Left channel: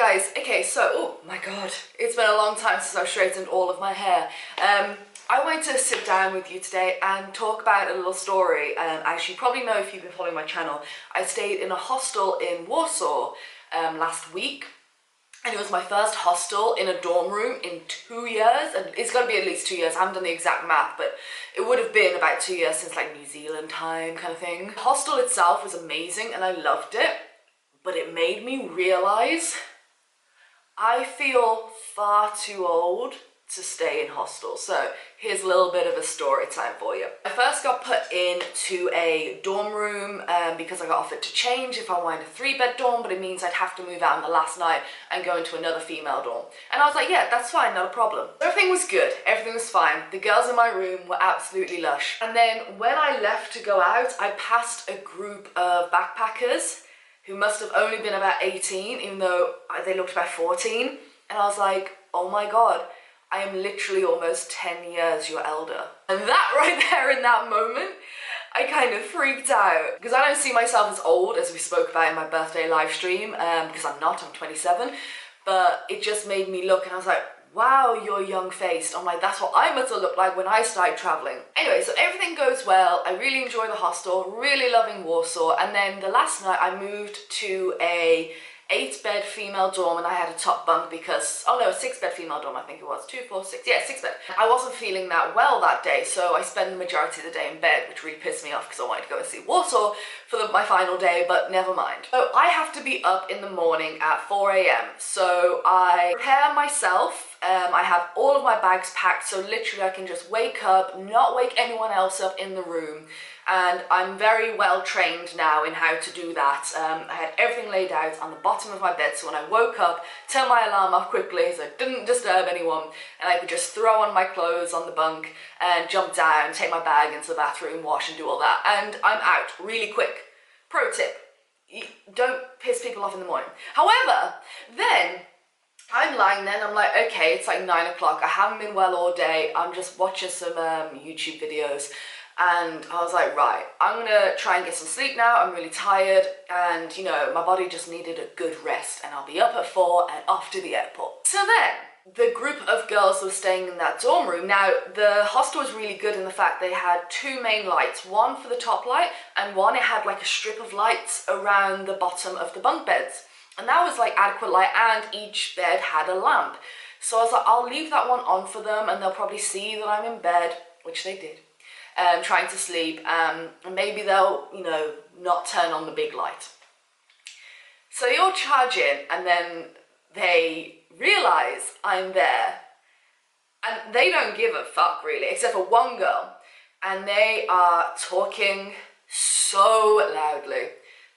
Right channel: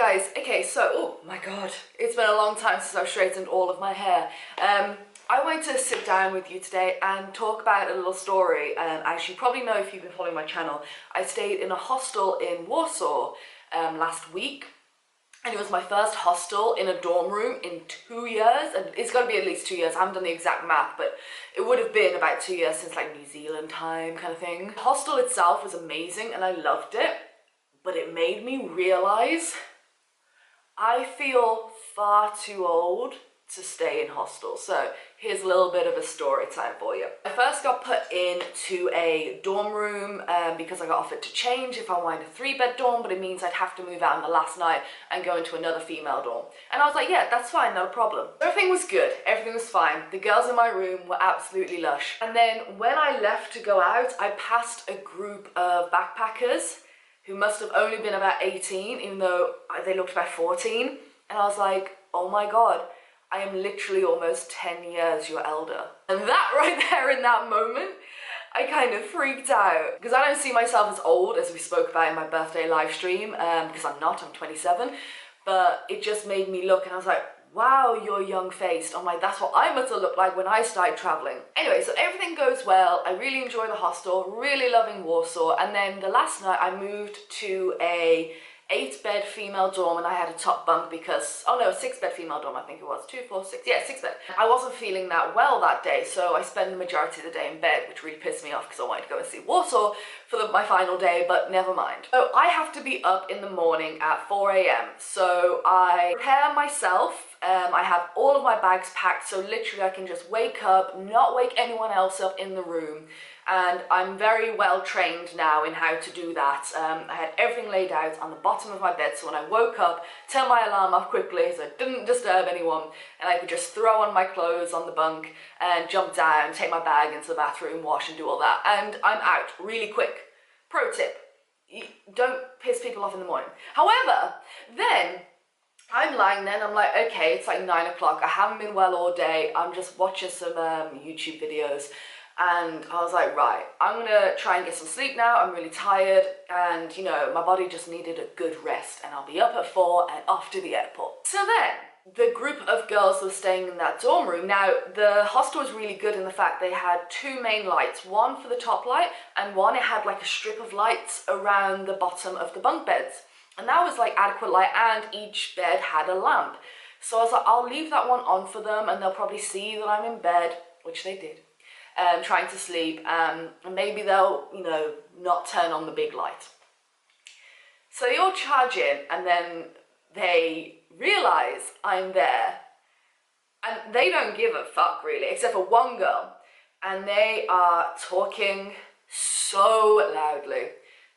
guys, okay, so, oh my god, it's been a long time since I've straightened all of my hair. I wanted to sit down with you today and talk about a little story. As you probably know if you've been following my channel, I stayed in a hostel in Warsaw last week. And it was my first hostel in a dorm room in 2 years, and it's got to be at least 2 years. I haven't done the exact math, but it would have been about 2 years since like New Zealand time kind of thing. The hostel itself was amazing and I loved it, but it made me realize I feel far too old to stay in hostels. So here's a little bit of a story time for you. I first got put into a dorm room because I got offered to change if I wanted a 3-bed dorm, but it means I'd have to move out on the last night and go into another female dorm. And I was like, yeah, that's fine, not a problem. Everything was good, everything was fine. The girls in my room were absolutely lush. And then when I left to go out, I passed a group of backpackers who must have only been about 18, even though they looked about 14. And I was like, oh my God, I am literally almost 10 years your elder. And that right there in that moment, I kind of freaked out. Because I don't see myself as old, as we spoke about in my birthday live stream, because I'm not, I'm 27. But it just made me look and I was like, wow, you're young-faced. I'm like, that's what I must have looked like when I started traveling. Anyway, so everything goes well. I really enjoy the hostel, really loving Warsaw. And then the last night I moved to a 8-bed female dorm and I had a top bunk because, oh no, a 6-bed female dorm, I think it was, 2, 4, 6, yeah, 6-bed. I wasn't feeling that well that day, so I spent the majority of the day in bed, which really pissed me off because I wanted to go and see Warsaw for my final day, but never mind. So I have to be up in the morning at 4 AM, so I prepare myself. I have all of my bags packed, so literally I can just wake up, not wake anyone else up in the room, and I'm very well trained now in how to do that. I had everything laid out on the bottom of my bed, so when I woke up, turn my alarm off quickly so I didn't disturb anyone, and I could just throw on my clothes on the bunk and jump down, take my bag into the bathroom, wash and do all that, and I'm out really quick. Pro tip, don't piss people off in the morning. However, then I'm lying there and I'm like, okay, it's like 9 o'clock. I haven't been well all day. I'm just watching some YouTube videos. And I was like, right, I'm gonna try and get some sleep now. I'm really tired. And you know, my body just needed a good rest. And I'll be up at 4 and off to the airport. So then, the group of girls were staying in that dorm room. Now, the hostel was really good in the fact they had 2 main lights. One for the top light and one it had like a strip of lights around the bottom of the bunk beds. And that was like adequate light and each bed had a lamp. So I was like, I'll leave that one on for them and they'll probably see that I'm in bed, which they did, trying to sleep. And maybe they'll, you know, not turn on the big light. So they all charge in and then they realize I'm there. And they don't give a fuck really, except for one girl. And they are talking so loudly.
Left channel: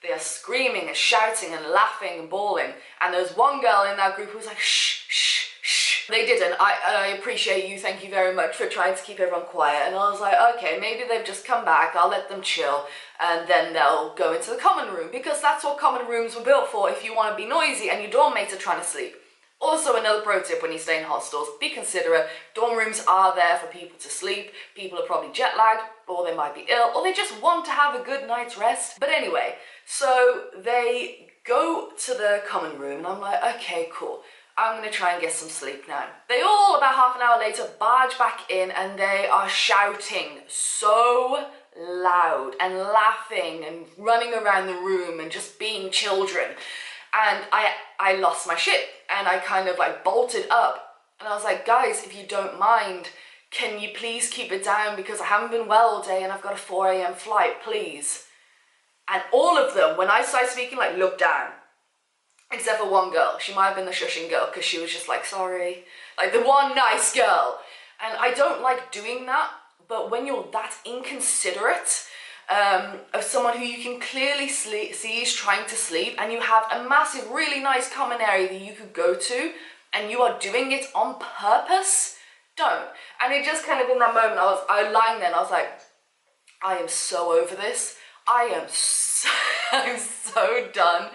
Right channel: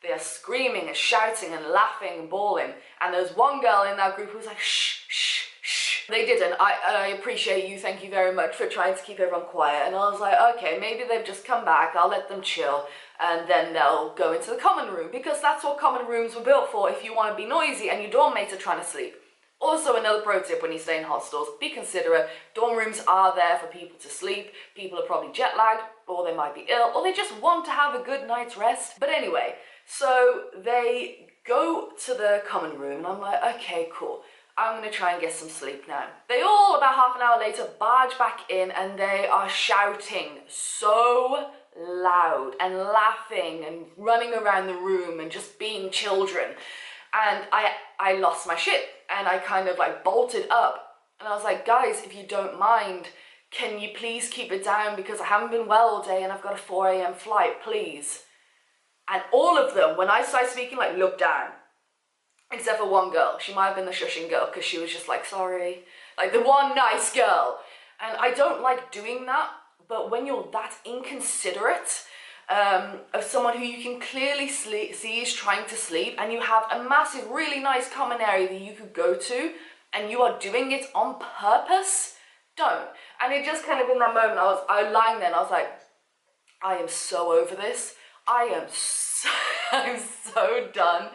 They are screaming and shouting and laughing and bawling. And there's one girl in that group who was like, shh, shh, shh. They didn't. I appreciate you. Thank you very much for trying to keep everyone quiet. And I was like, okay, maybe they've just come back. I'll let them chill. And then they'll go into the common room because that's what common rooms were built for if you want to be noisy and your dorm mates are trying to sleep. Also, another pro tip when you stay in hostels, be considerate. Dorm rooms are there for people to sleep. People are probably jet lagged, or they might be ill, or they just want to have a good night's rest. But anyway, so they go to the common room and I'm like, okay, cool. I'm gonna try and get some sleep now. They all, about half an hour later, barge back in and they are shouting so loud and laughing and running around the room and just being children. And I lost my shit and I kind of like bolted up and I was like, guys, if you don't mind, can you please keep it down because I haven't been well all day and I've got a 4 AM flight, please. And all of them, when I started speaking, like looked down, except for one girl. She might have been the shushing girl because she was just like, sorry, like the one nice girl. And I don't like doing that, but when you're that inconsiderate of someone who you can clearly see is trying to sleep and you have a massive, really nice common area that you could go to and you are doing it on purpose, don't. And it just kind of in that moment, I was lying there and I was like, I am so over this. I'm so done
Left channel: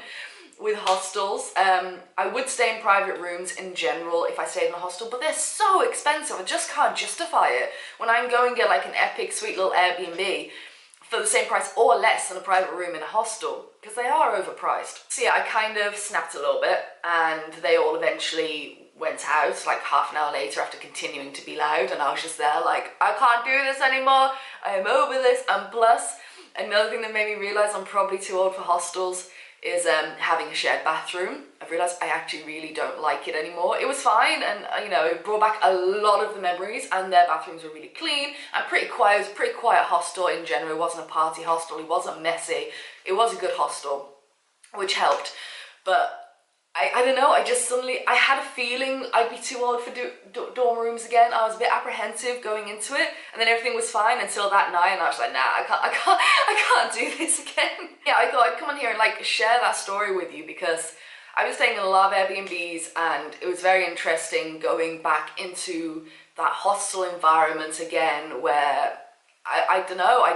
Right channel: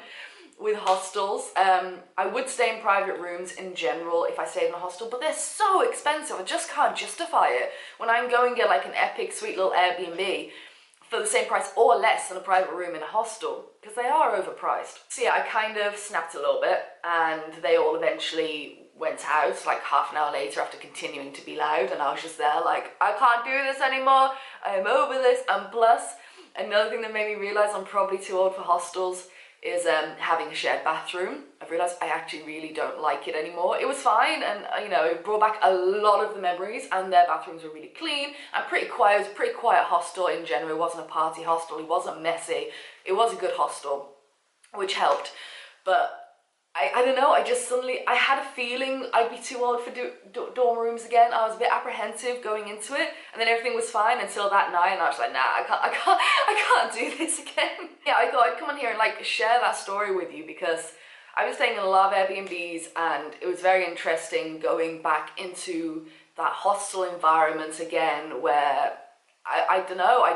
with hostels. I would stay in private rooms in general if I stayed in a hostel, but they're so expensive. I just can't justify it. When I can go and get like an epic sweet little Airbnb for the same price or less than a private room in a hostel, because they are overpriced. So yeah, I kind of snapped a little bit, and they all eventually went out like half an hour later after continuing to be loud, and I was just there like, I can't do this anymore, I am over this. And plus, another thing that made me realise I'm probably too old for hostels is having a shared bathroom. I've realised I actually really don't like it anymore. It was fine, and you know, it brought back a lot of the memories, and their bathrooms were really clean and pretty quiet. It was a pretty quiet hostel in general. It wasn't a party hostel, it wasn't messy, it was a good hostel, which helped. But I don't know, I had a feeling I'd be too old for dorm rooms again. I was a bit apprehensive going into it, and then everything was fine until that night, and I was like, nah, I can't do this again. Yeah, I thought I'd come on here and like share that story with you, because I was staying in a lot of Airbnbs, and it was very interesting going back into that hostel environment again, where I don't know, I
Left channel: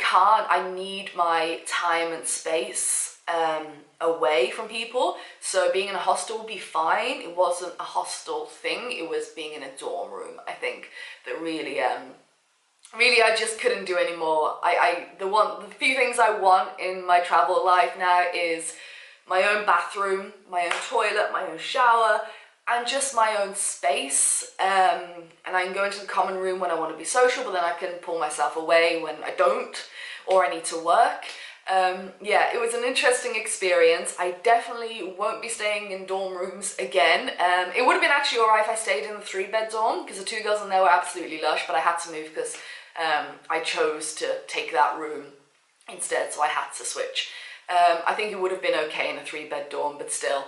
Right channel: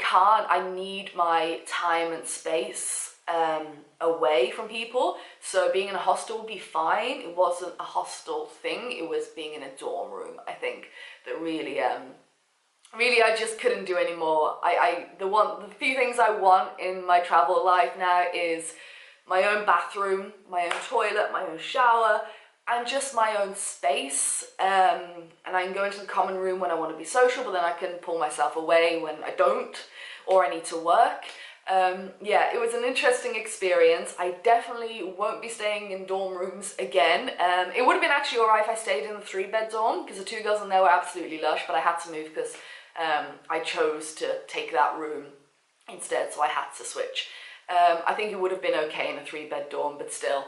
can't, I need my time and space away from people. So being in a hostel would be fine. It wasn't a hostel thing, it was being in a dorm room, I think, that really I just couldn't do anymore. The few things I want in my travel life now is my own bathroom, my own toilet, my own shower, and just my own space. And I can go into the common room when I want to be social, but then I can pull myself away when I don't, or I need to work. Yeah, it was an interesting experience. I definitely won't be staying in dorm rooms again. It would have been actually alright if I stayed in the 3-bed dorm, because the 2 girls in there were absolutely lush, but I had to move because I chose to take that room instead, so I had to switch. I think it would have been okay in a 3-bed dorm, but still,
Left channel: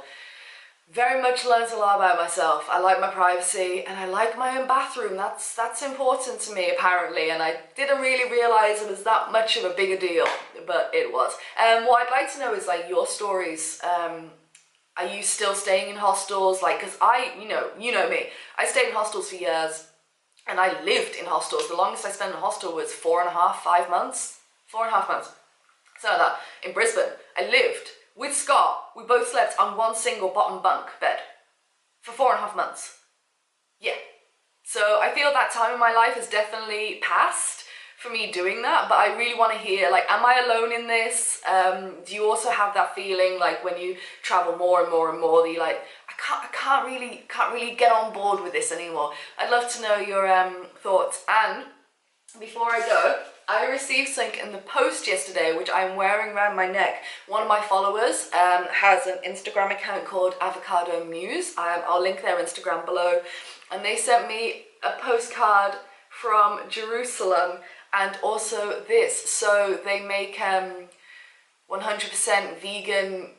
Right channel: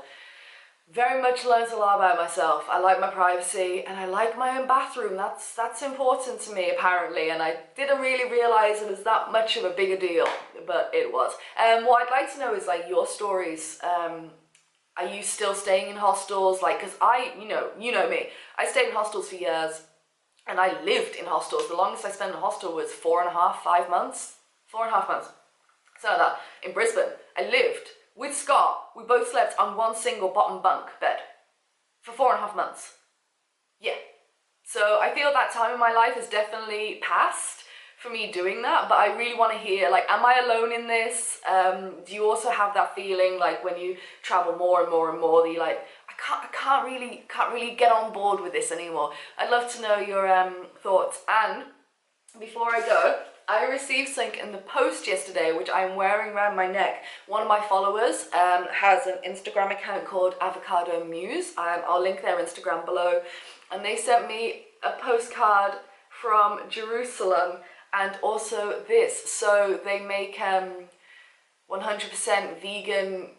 very much learned a lot about myself. I like my privacy, and I like my own bathroom. That's important to me, apparently, and I didn't really realise it was that much of a bigger deal, but it was. What I'd like to know is like your stories. Are you still staying in hostels? Like, because you know me, I stayed in hostels for years, and I lived in hostels. The longest I spent in a hostel was 4.5, 5 months, 4.5 months. So that in Brisbane, I lived with Scott. We both slept on one single bottom bunk bed for 4.5 months. Yeah. So I feel that time in my life has definitely passed for me doing that, but I really want to hear, like, am I alone in this? Do you also have that feeling, like, when you travel more and more and more, that you're like, I can't really get on board with this anymore? I'd love to know your thoughts. And before I go, I received something in the post yesterday, which I'm wearing around my neck. One of my followers has an Instagram account called Avocado Muse. I'll link their Instagram below. And they sent me a postcard from Jerusalem, and also this. So they make 100% vegan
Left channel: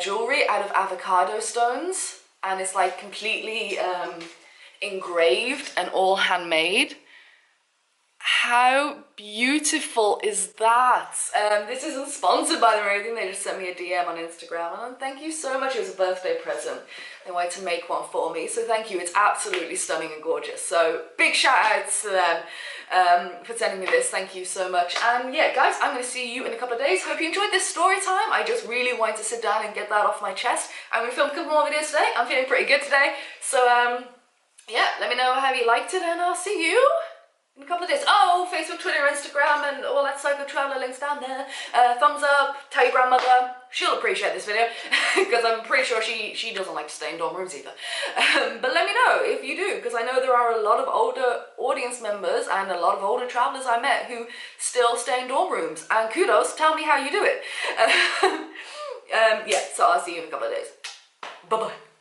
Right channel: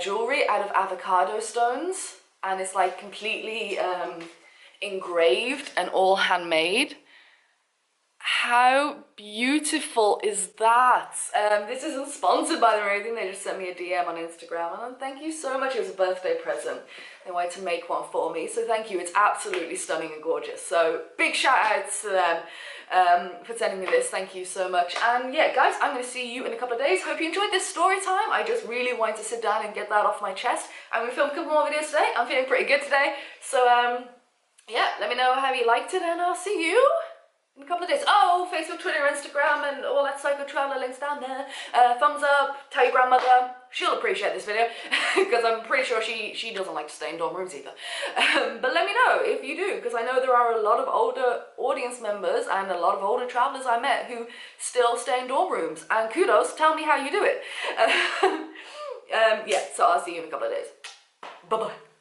jewelry out of avocado stones, and it's like completely engraved and all handmade. How beautiful is that? This isn't sponsored by them or anything, they just sent me a DM on Instagram, and thank you so much. It was a birthday present. They wanted to make one for me, so thank you. It's absolutely stunning and gorgeous. So big shout outs to them for sending me this. Thank you so much. And yeah, guys, I'm going to see you in a couple of days. Hope you enjoyed this story time. I just really wanted to sit down and get that off my chest. I'm going to film a couple more videos today. I'm feeling pretty good today. So yeah, let me know how you liked it, and I'll see you in a couple of days. Oh, Facebook, Twitter, Instagram, and all that PsychoTraveller links down there. Thumbs up, tell your grandmother. She'll appreciate this video, because I'm pretty sure she doesn't like to stay in dorm rooms either. But let me know if you do, because I know there are a lot of older audience members and a lot of older travellers I met who still stay in dorm rooms. And kudos, tell me how you do it. Yeah, so I'll see you in a couple of days. Bye-bye.